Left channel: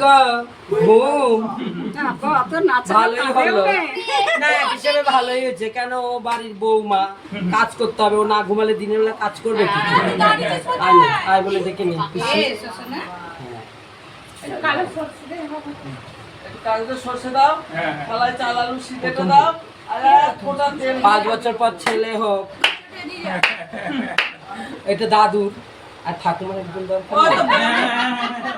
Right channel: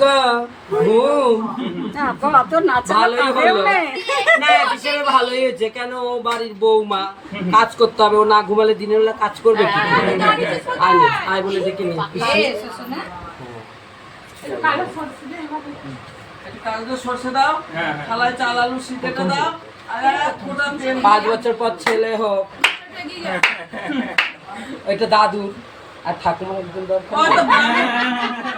গো ঘুম ভালোই হলো না হিসেবে ভালোই হয়েছে কেন ও বাড়ির বৌমা কাজ করতে হবে ও না ঘুমালে দিনের বেলা কাজ করবে কি আয় বলে দেখে নি সরষে দাও থালায় চাল আলু সিদ্ধটা দাও 5 বছর পর ছেলে হোক এটা দাদুর আর ঠাকুমার একদম দরকার